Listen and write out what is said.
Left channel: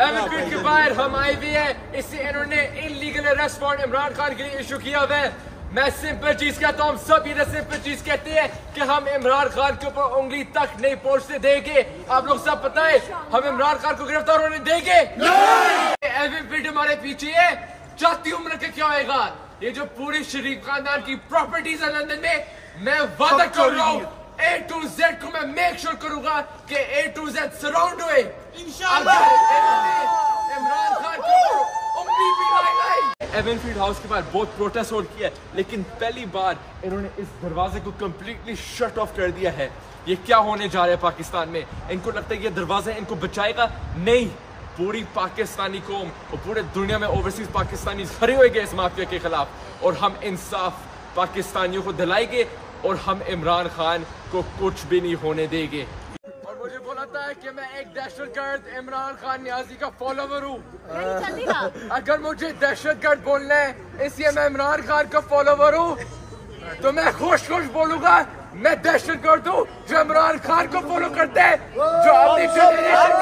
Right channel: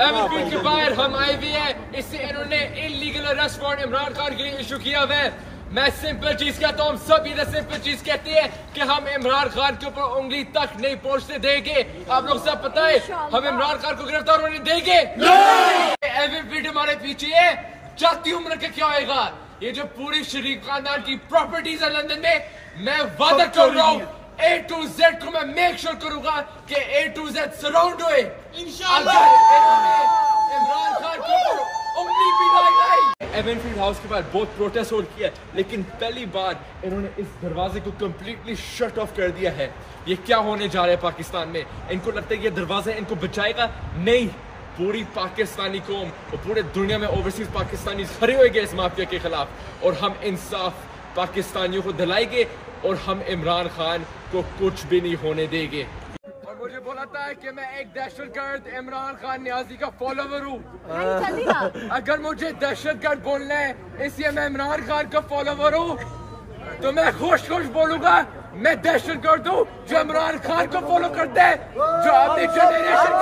Avenfield के बाहर हम आए हुए हैं, इससे इन्होंने illegal arrest warrant Imran Khan के लिए इशू किया हुआ है। मैं सिंपल चीज कहता हूँ, हम सब ये सिंपल चीज कहते हैं कि हम इमरान खान के ऊपर उंगली तक नहीं पहुंचने देंगे। आप लोग सब पता है हम इमरान खान को गिरफ्तार होने देंगे। एवनफील्ड हमारे पीछे है, जाती उम्र का क्या होएगा। ये जो पूरी शरीफ खानदान की प्रॉपर्टीज है लंदन में, मैं वादा कर रहा हूँ A to Z को मैं मेक श्योर करूंगा कि A to Z सराउंड हुए इंशाल्लाह। इमरान खान के ऊपर उंगली भी लगाई। एवनफील्ड हाउस के बाहर बहुत प्रोटेस्ट हो किया है, लेकिन पहली बार इन्होंने इस दरवाजे को कम्प्लीटली शट ऑफ कर दिया है। ये क्या होने जा रहा है पाकिस्तान में? इनको लगता है कि ये दरवाजा इनको बचाएगा? नहीं, पूरी पाकिस्तानी कौम और पूरे दुनिया में ओवरसीज पाकिस्तानी खड़े होंगे इस माफिया के खिलाफ, और हम इंसाफ पाकिस्तानियों को दिलाएंगे और हम इमरान खान को कुछ भी नहीं होने देंगे। और मुझे बोलता है कि मैं एक दहशतगर्द इमरान खान न्याजी का फॉलोवर हूँ। अगर मुझे दहशतगर्द बोलना है इसलिए मैं इमरान खान का फॉलोवर हूँ, तो मैं खुश बोलूंगा मैं दहशतगर्द हूँ जो इमरान खान को फॉलो करता है, जो अपनी जनरेशन